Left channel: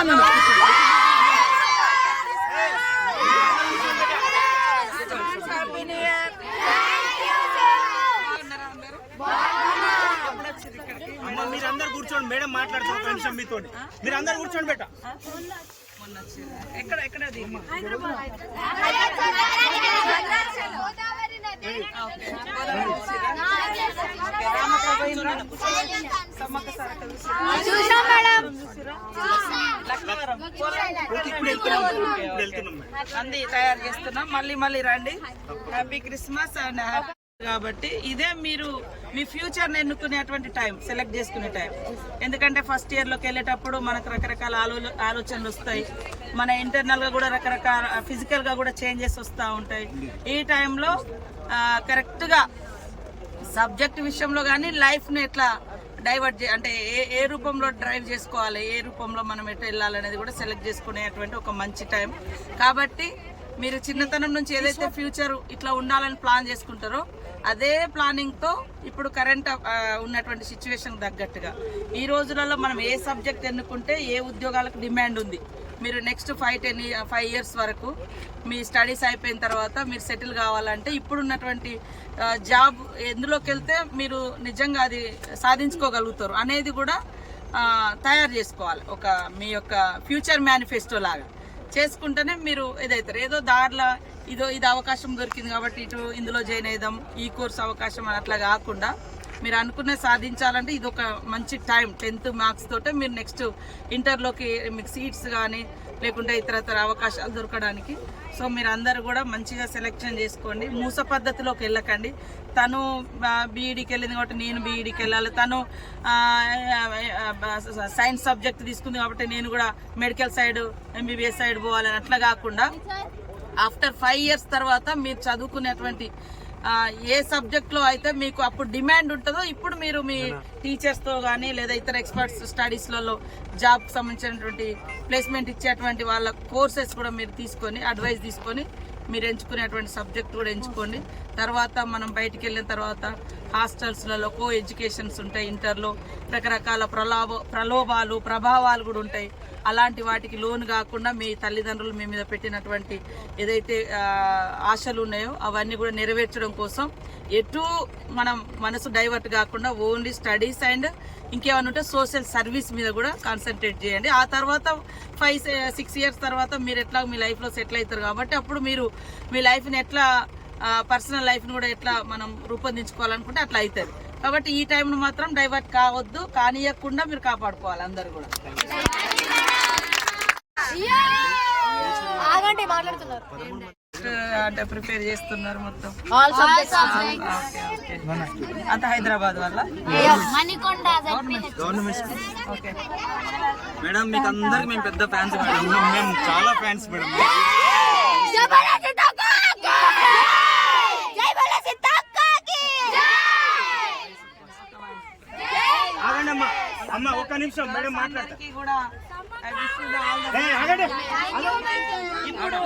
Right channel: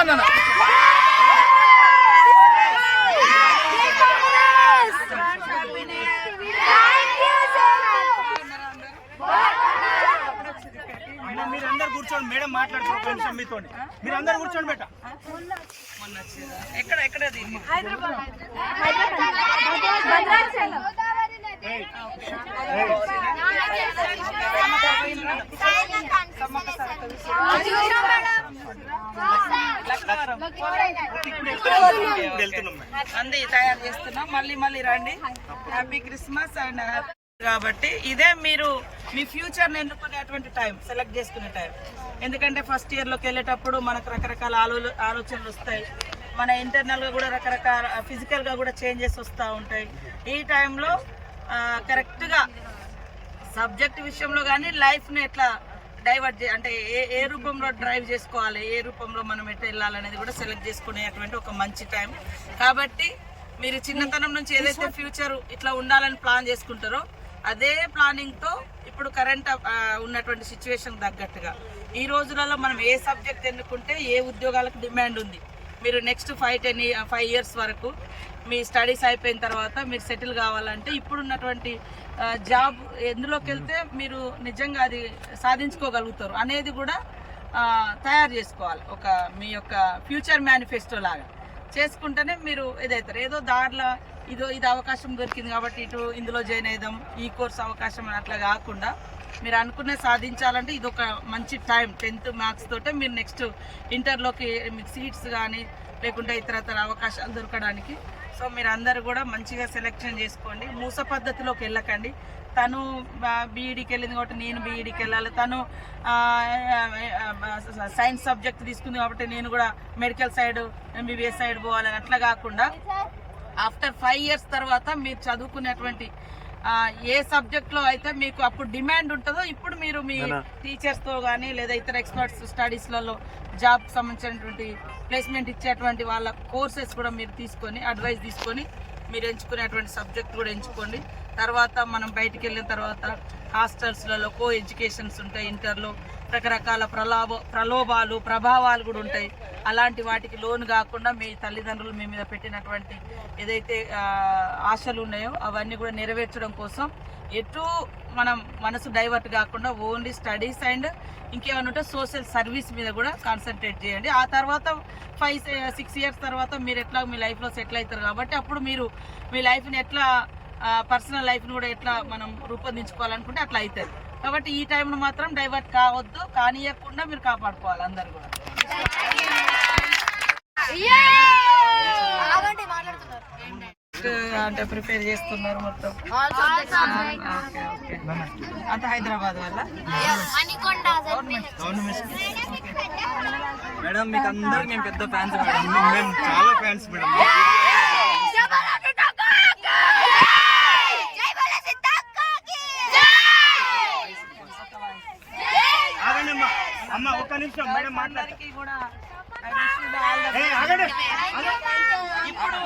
కూర్చోండి అన్న. మీరందరు కూర్చోండి, మేడం మాట్లాడుతున్నారు ఫ్రెండ్స్ మీతో. మీరందరూ కూర్చోండి బేట. ఎక్కడ అంది తయారు చేస్తున్నాం. మళ్ళీ రండి. Happy Christmas and happy. కాబట్టి ఇదే మీరు మీ ఫ్యూచర్ ఎన్నుకునేటువంటి టైం, సెలెక్ట్ చేసుకునే టైం. ఎందుకంటే ఫస్ట్ ఇయర్లోకి వెళ్ళేటప్పుడు మనకు రకరకాల ఆలోచనలు వస్తాయి. మన ఇంటర్నల్ గా కూడా రకరకాల ఫిజికల్ గా కూడా చేంజెస్ వస్తూ ఉంటాయి. ఈ టైంలో కరెక్ట్ గా సబ్జెక్ట్ విషయంలో కానీ లైఫ్ ని ఎట్లా డైవర్ట్ అంటే ఏ రూపంలో డ్రైవ్ చేసుకోవాలి, ఏ రూపంలో మనం ఎట్లా వెళ్ళాలనేది కూడా సెలెక్ట్ చేసుకునేటువంటి ఒక మంచి టైం. కాబట్టి మీరు చిన్నతనం నుంచి ఏదైతే ఫ్యూచర్ ఇట్లా ఉండాలని ప్లాన్ చేసుకుంటారో అదే ప్లానింగ్ తో ఇప్పుడు కరెంట్ ఉన్నటువంటి సిచ్యువేషన్ తగ్గట్టుగా ఈ రోజులలో మనం ఏ సబ్జెక్ట్ ఎన్నుకుంటే ఏ ఉద్యోగాలకు డిమాండ్ ఉంది, మీరు నెక్స్ట్ 5 years వరకు మీ స్టడీస్ అయిపోయిన తర్వాత మీరు సెటిల్ కావాలంటే ఇప్పుడున్నటువంటి జాబ్ ఎందులోకి వెళ్తే మీరు నిజంగా అది సాధించుకోగలుగుతారు అనేది కూడా తయారు చేసుకోవాలి. ఒక మీ యొక్క ఫ్యూచర్ మేనిఫెస్టో లాగా చేసుకుంటేనే మీరు ఏదైతారు. ఏదో దారిలో ఇది అవకాశం దొరికింది కాబట్టి ఇందులో జాయిన్ అయిదాం, ఈ కోర్స్ అవకాశం అని అట్లా కాకుండా మీరు అనుకునే సాధించాలంటే ఇది ఒక మంచి టైం. 10th మార్క్స్ తోటే మీరు నెక్స్ట్ ఇంటర్లోకి మీకు సీట్స్ కానీ లేకుంటే ఇతర అవకాశాలు దొరకడానికి. సో మీరు అందరు కూడా మంచిగా సెలెక్షన్ చేసుకోండి. మూస పద్ధతిలోకి వెళ్ళకండి. తను బీఈడీకి వెళ్ళింది కాబట్టి నేను బీఈడీకి వెళ్ళాలి, తను సైన్స్ సబ్జెక్ట్ తీసుకుంది కాబట్టి నేను కూడా మెడికల్ సైడ్ ఎంబీబీఎస్ సైడ్ పోవాలని అట్లా కాకుండా ఆఫ్టర్ 5 years తర్వాత మీరు చదువుకునేటువంటి ఏ సబ్జెక్ట్ లో అయితే మీకు అప్పుడు డిమాండ్ ఉంటుందో ఇప్పుడు మీరు మీ టీచర్స్ తో కానీ లేదా ఇతర ఎక్స్పర్ట్స్ స్టడీస్లలో జాబ్ కి సంబంధించినటువంటి ప్లేస్మెంట్ ఇచ్చేటువంటి వాళ్ళ కోర్సెస్ కూడా మీరు తీసుకొని అడ్వైస్ తీసుకొని మీరు ఎంచుకునేటువంటి సబ్జెక్ట్ కూడా ఎంచుకోండి. తర్వాత మనం బయటికి వెళ్ళిన తర్వాత హాస్టల్స్లలో కో ఎడ్యుకేషన్స్ ఉంటాయి. ఇంటర్లో రకరకాల ప్రలోభాలు ప్రభావాలు కూడా ఉంటాయి. అలాంటి వాటికి లోన్ కాకుండా మీ తల్లిదండ్రులు మీ మీద పెట్టినటువంటి ఏదైతే ఆశలు ఉన్నాయో అవన్నీ కూడా నెరవేర్చడం కోసం ఎటు మనం మనసు డైవర్ట్ కాకుండా ఓన్లీ స్టడీస్ అండ్ ఇంకేమైనా ఉంటే సోషల్ సర్వీస్ మీద కూడా కాన్సన్ట్రేట్ చేయండి. ఆ తర్వాత 5-6 years తర్వాత మీరు ఎట్లా మీ లైఫ్లో సెటిల్ అవుతారు కాబట్టి అప్పుడు మీరు మీ లైఫ్ని ఎట్లా పర్సనల్ లైఫ్ని కూడా ఎట్లా మనం రూపొందించుకోవాలనుకుంటే అట్లా అవుతుంది. కాబట్టి ఈ టైంను మాత్రం డైవర్ట్ కావద్దు, కానియకుండా మీరు కాపాడుకోవాలి అందరు కూడా. అంటే ప్రిపేర్ చేస్తున్నారు మొత్తం అంత హైదరాబాద్ వల్ల మేడం. మీకు అందరికి మేము పెద్ద ఫ్యాన్స్ మేడం, మేము చాలా ఫ్యాన్స్ మేడం. అమ్మ ఒక్క నిమిషం మేడం మాట్లాడతారు. ఇప్పుడు